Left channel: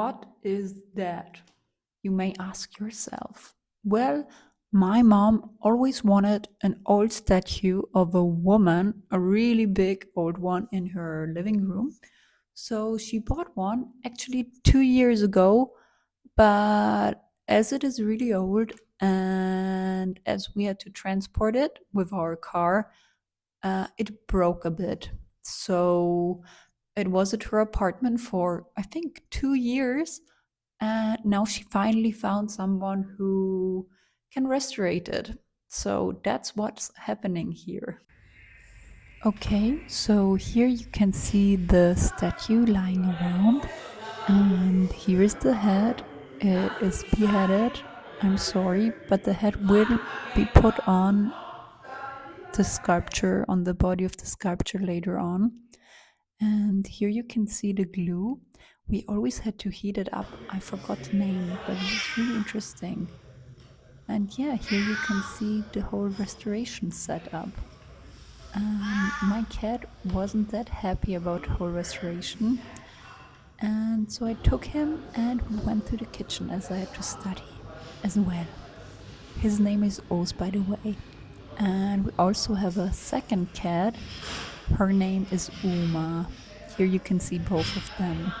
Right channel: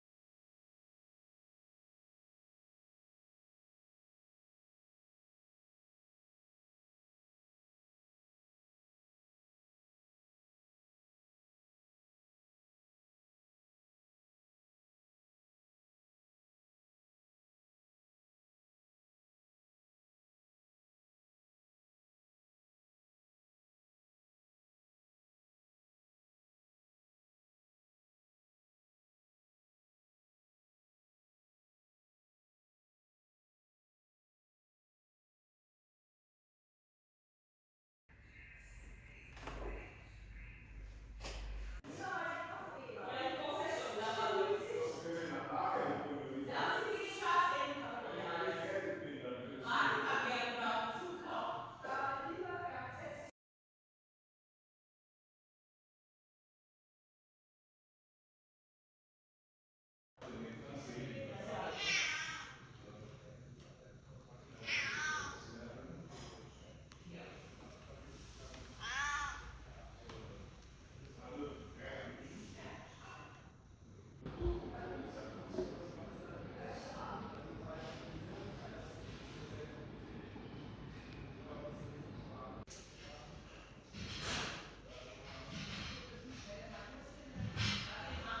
What is that? You may ask yourself. Well, my mom always wanted an old statue of a woman, a really big old one, in her living room. So she bought one actually 2 years ago, but as it is really old and as we had to transport it with our car, it broke a bit. So it was at her apartment for, I think, 2 years. And now she finally found someone who can restore it. So that's what's happening here. Okay, so here you can see the statue lying around, and here is the head. It is beheaded. I'm sorry, but the head will be put on the sculpture, on the body of the sculpture later on. And here you can see the glue. We always had to heat it up. I forgot the name, but it was really interesting. And yeah, here you can see the whole restoration setup. And my cat wasn't that happy about the whole restoration. And so I took him and we went to the kitchen as I had to study as well. His name is Oz, by the way. And we also have a second cat. Her name is Uma. Here you can see both of them.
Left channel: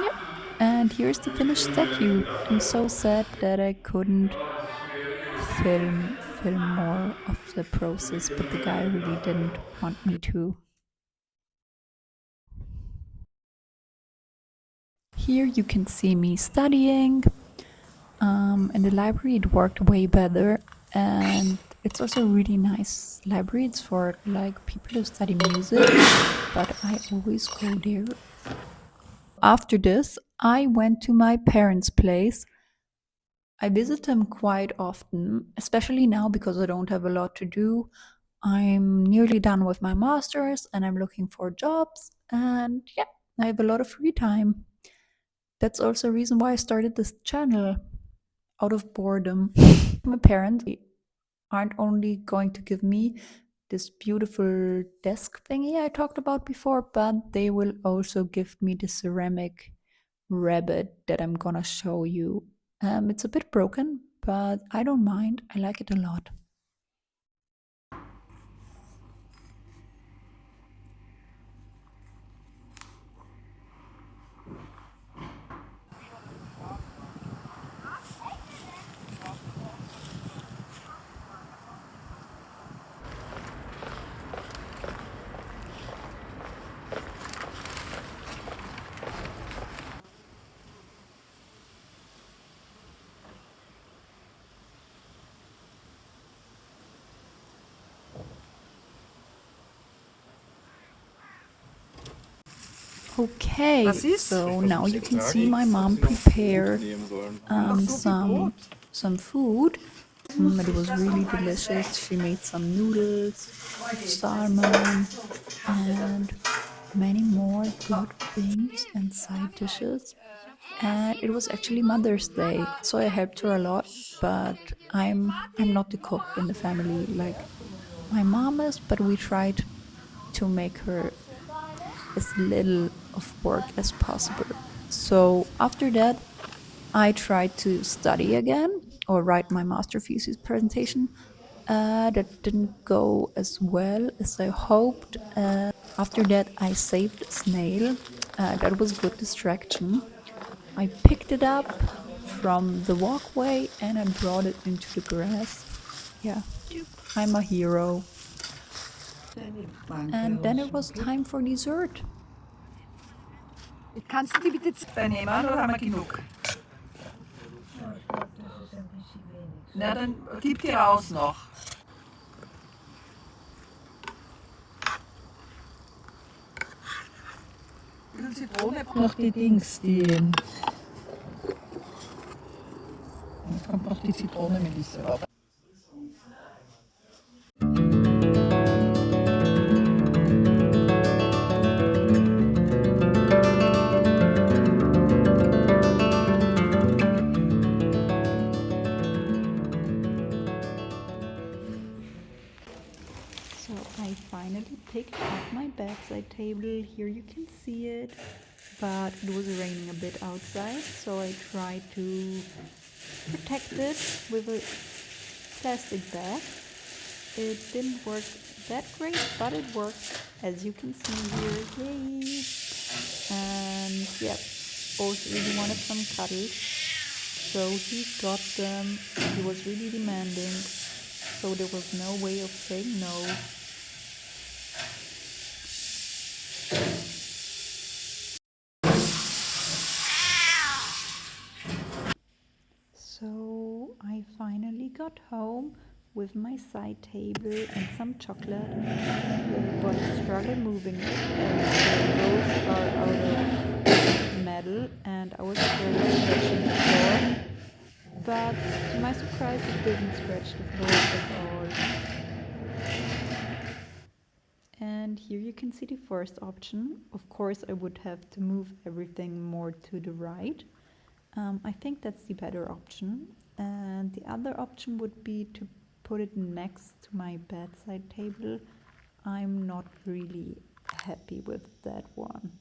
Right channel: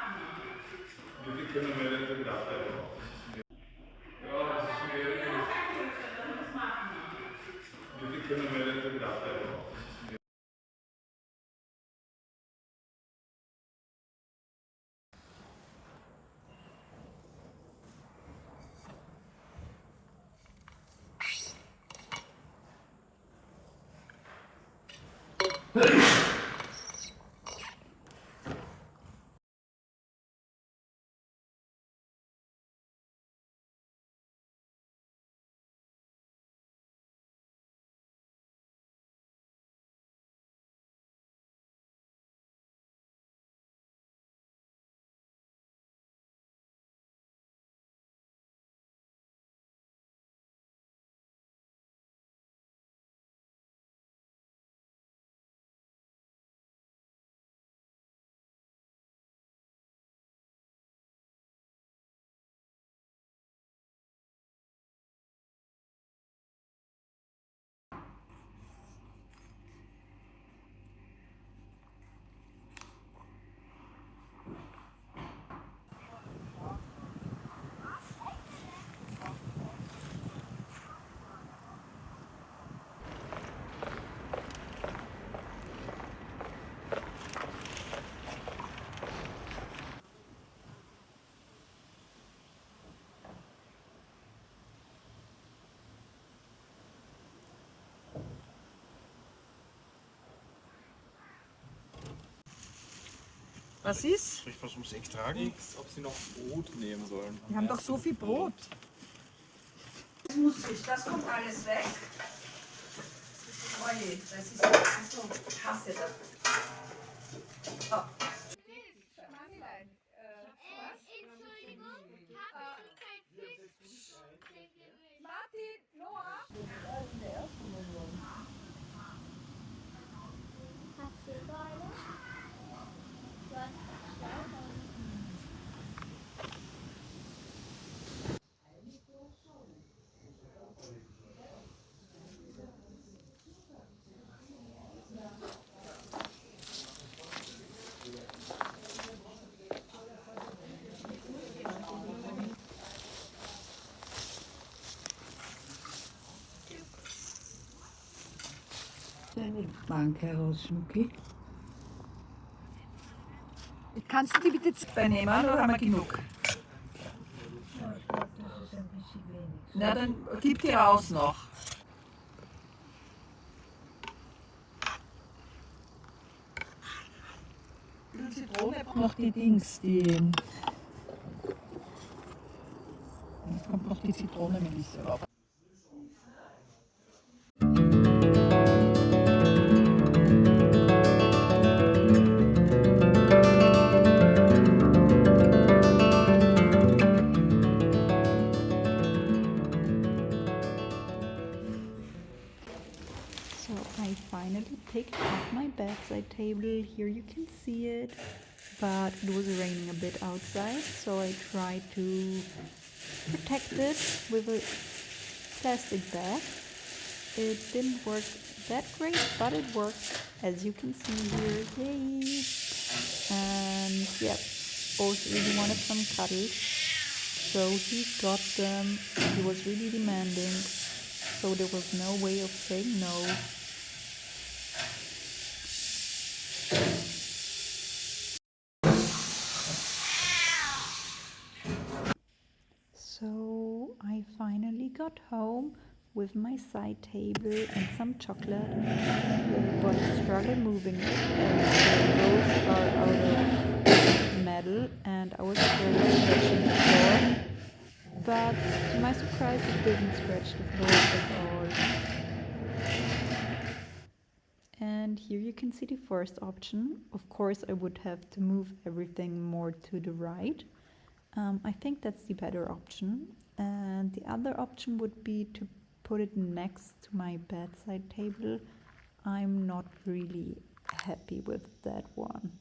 Yep. And here's the finished statue. I'm so sad that I couldn't film more of the process, but the guy really didn't want me to. Here you can see me studying. In the library it worked way better, and it's also a really nice library. It's for like people who study music, but I always go there. After this, I went to my parents' place. I visit them quite often, especially now because I don't have a lot to do. I'm nearly done with my master's and I'm looking for jobs, and yeah, I have a lot of free time. That's also a reason why I started this channel, out of boredom. My parents aren't only going to give me this beautiful desk thingy I talked about before, but they will also give me the ceramic rabbit that I'm gonna show you. It's a bit broken, but I don't mind. I like it a lot. Okay, Was ist? so now you can see my mom prepare some food. It was really delicious. She made some noodles, salmon, and many more good things and side dishes. And it was actually Mother's Day, so I helped her a lot. But I'm not the cook in the family like my mom is. But we tried to make her as little of work as possible. So after that, I tried to study again or write my master thesis presentation. That didn't go as well as I hoped. After that, I saved a snail. That was good distraction. I picked it up from the walkway and I brought it into the grass. Yeah, I'm a hero. And then it was time for dessert. Kannst du die bitte zwei nehmen oder haben wir genug? Na, dann gib die raus noch. Zitrone. Noch die Dings, die. Jetzt kommt noch die Zitronenmelisse rauf. So So I finally picked up my bedside table. Here you can see it, but it was raining a bit outside, so I tried to protect it with a plastic bag. It didn't work that great, but it worked, as you can see here. Yay! And yep, both really wanted some cuddles, so he got them. He was really demanding, so there was no way of saying no. So I finally got home with my side table and some chocolate, but I struggled moving it as the rolls are out of metal and I was scared of scratching the floor. But to my surprise, it didn't scratch the floor at all. And here you can see the first option. Of course, I would have to move everything more to the right. I think that's the better option. And the other option would be to put it next to my bedside table. I'm not really happy with that one.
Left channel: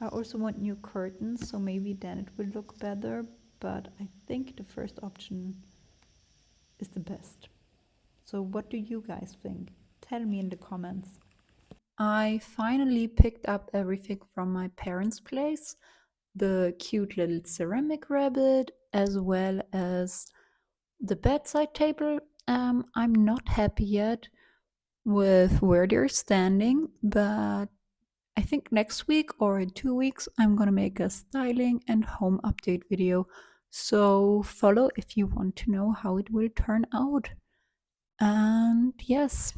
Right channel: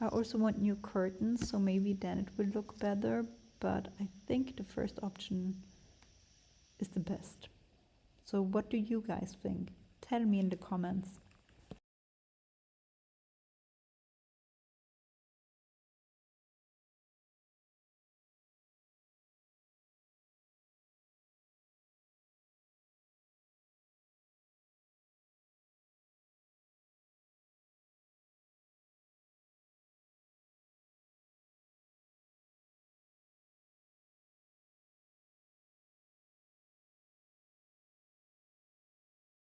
I also want new curtains, so maybe then it will look better, but I think the first option is the best. So, what do you guys think? Tell me in the comments. I finally picked up everything from my parents' place, the cute little ceramic rabbit, as well as the bedside table. I'm not happy yet with where they're standing, but I think next week or in 2 weeks, I'm gonna make a styling and home update video. So follow if you want to know how it will turn out. And yes,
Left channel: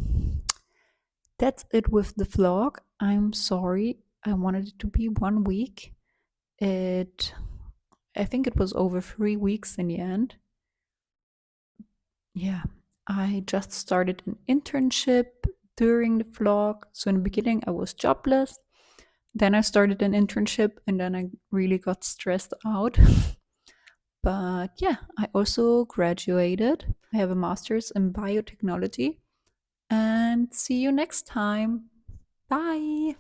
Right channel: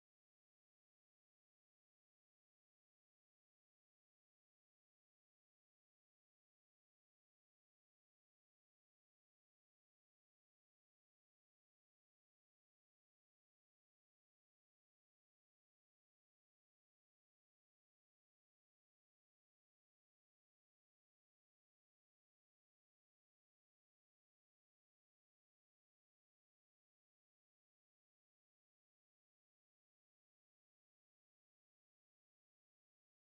that's it with the vlog. I'm sorry. I wanted it to be 1 week. It I think it was over 3 weeks in the end. Yeah. I just started an internship during the vlog. So in the beginning I was jobless. Then I started an internship and then I really got stressed out. But yeah, I also graduated. I have a master's in biotechnology. And see you next time. Bye.